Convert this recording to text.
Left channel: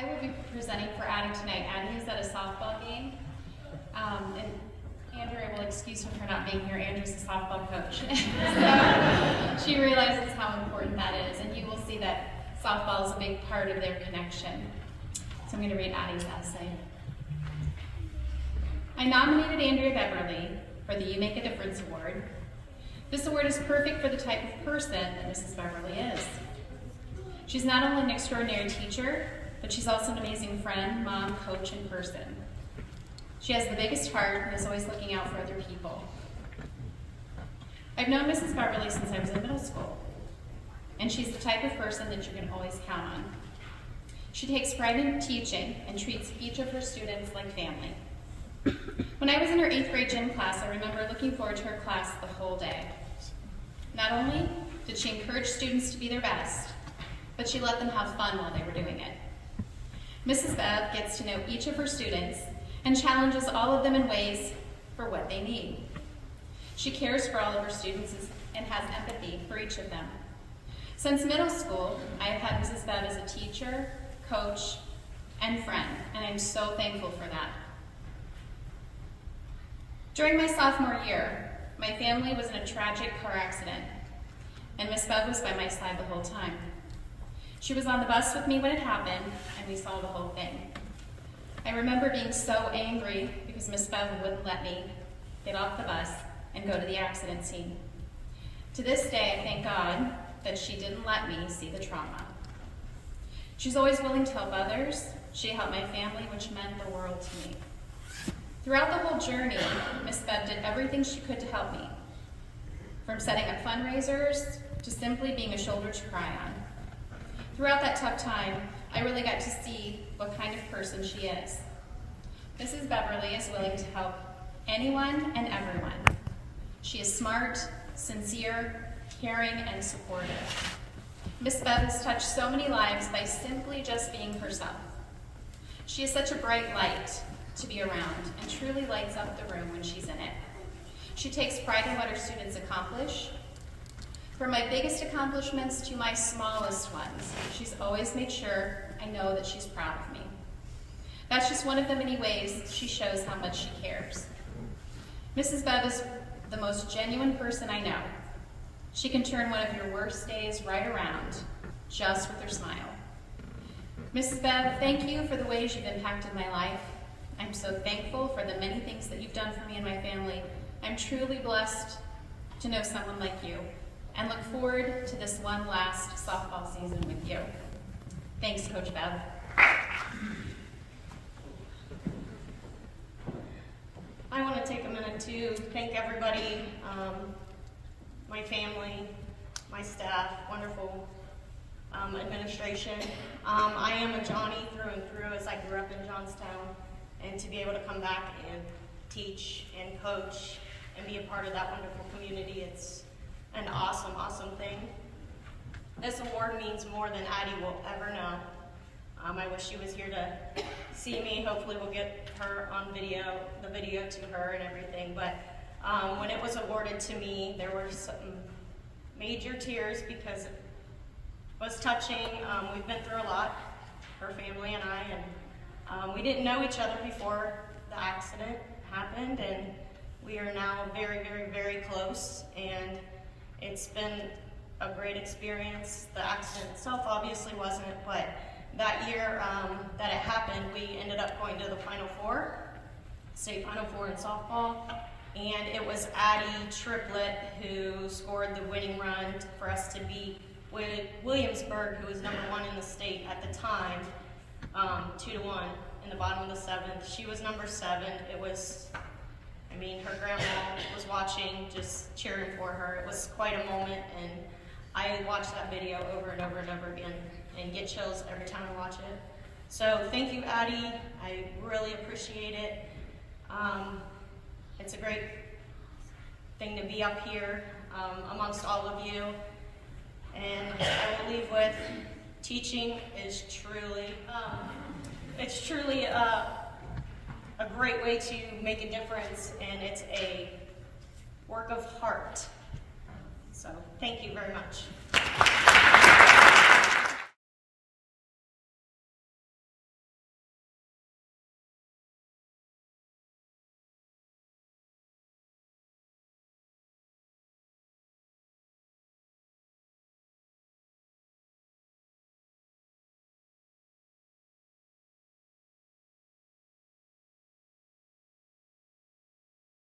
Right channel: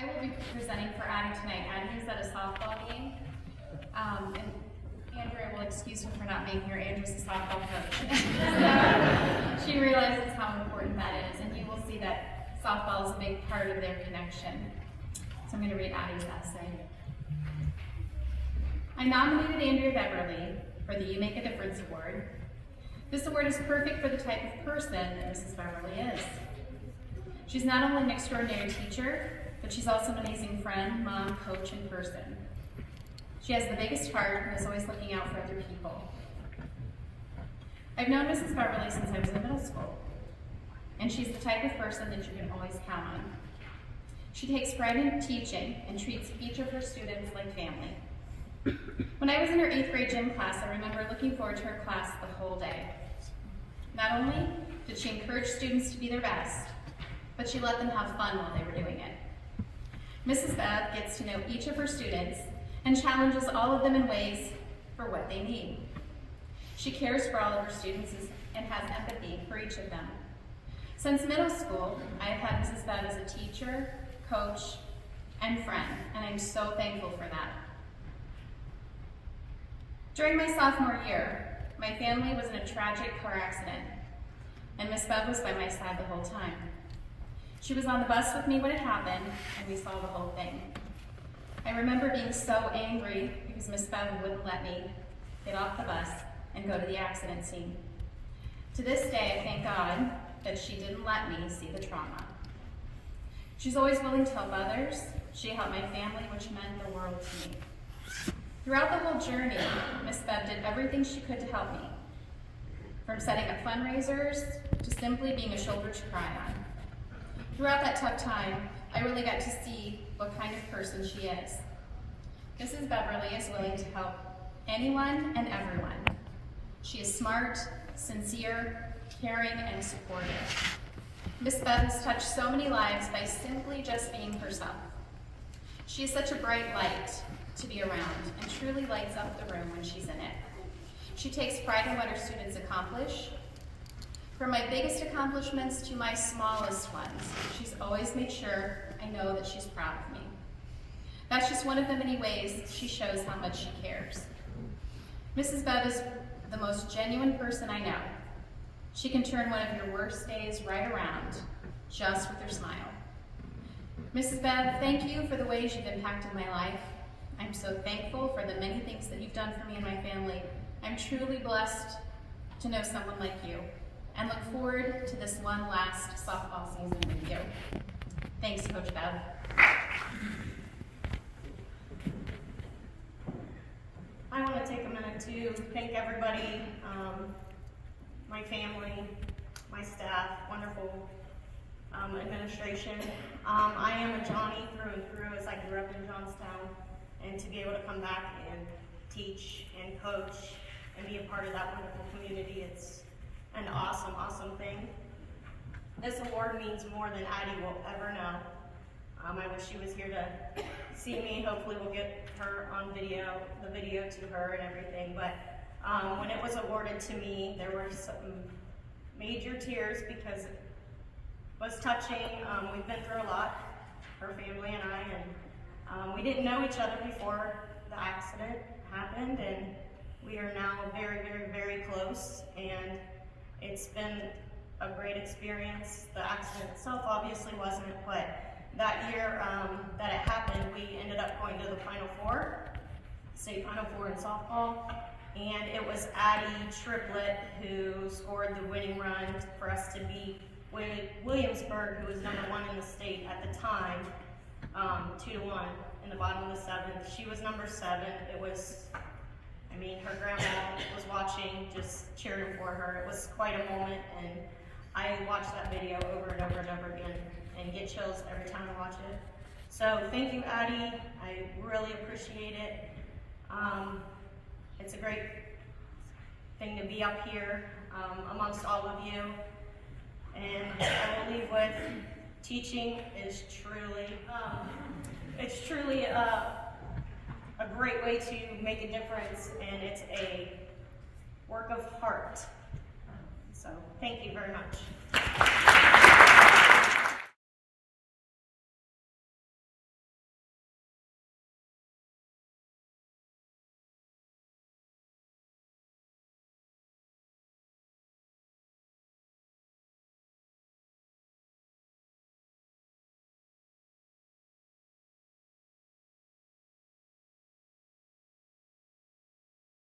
I will be presenting for Addie tonight. Addie is at a softball game, and Andrea will excuse her for not being here. Andrew's the softball coach. So she realizes how important that is, and you will see that softball is a big part of their connection. So I'm going to read Addie's essay. I nominated Andrea Beverly for the You Make a Difference Award. This award is perfect for the type of person that Mrs. Beverly is. She's not only an extraordinary teacher, but she's also an amazing friend, mom, coach, and person. She has the biggest heart and is always looking out for other people. I've known Mrs. Beverly since I was in middle school, and she's the type of person that you can always count on. She takes pride in teaching and treats each of her students like family. When I was in her 8th grade gym class, I remember looking forward to her class the whole day. Not only did she encourage students to be their best, but she let them have fun while they were doing it. Mrs. Bev gets to know each of her students and challenges all of them in ways for what they need. She cares for all of her students and has empathy for each of them. Since middle school, I have had Mrs. Bev as a teacher, coach, and friend, and I'm so thankful for that. During my sophomore year, my family was in a tragic car accident, and Miss Bev was by my side the whole time. She was on the bus with me when it happened, and we saw the whole thing. I remember being so angry because Miss Bev wouldn't let me get off the bus and go to the accident scene. To this day, I thank God that she didn't let me see the trauma. She's always willing to help others. She helped my family, which meant the world to me. Throughout the whole journey, Miss Bev did everything she could to help me, from setting up fundraisers to simply being a shoulder to cry on. Throughout that tough time, I really got to see what kind of person she is. Mrs. Beverly is willing to help anyone and everyone. She is smart, sincere, caring, and supportive. Miss Bev has touched so many lives by simply just being herself. She is such a bright light to be around and truly lights up the room when she's in it. She takes pride in what her students accomplish. From my biggest accomplishments to my smallest ones, she's always made sure I know that she's proud of me. That's just one of the many ways she shows how much she cares. Mrs. Bev is the most genuine person I know. She can turn one of your worst days right around, just with her smile. Mrs. Bev, thank you for the ways you've impacted my life. I'm so thankful for the many things that you've done for me and my family. I'm truly blessed to know someone like you, and look forward to this one last softball season with you. Thanks, Coach Bev. I want to take a minute to thank everybody, my family, my staff, wonderful administration. I am a Johnny through and through, as I grew up in Johnstown, and to be able to come back and teach and coach and be a part of that wonderful community, it's an awesome, awesome thing. This award means more than Addie will ever know. I wish she was here to see me. Hopefully we'll get her on video, the video to her and everything. But when it was awarded to me, there were some major tears because it was touching. We've been through a lot, her family and I, and we didn't know each other before the accident happened, and we are now very, very, very close, and it's been a great experience. The accident itself obviously wasn't, but that year that it happened, we ended up going to the Final Four, state Final Four in softball, and it was Adalynn Triplett who scored the winning run for us to beat Williamsburg, who was #1 in the state at the time, 2-1 in the bottom of the 7th. She was #7. It was, I mean, her grandma was watching, just cheering for her. It was quite a moment, and I watch that video over and over and over again and get chills every time I watch it. So thank you, Addie. I really appreciate it. It's a great thing to be up here amongst all of you. And I will leave with teaching is truly, it's truly a great way to make a difference, and it's a work of heart. So thank you very much.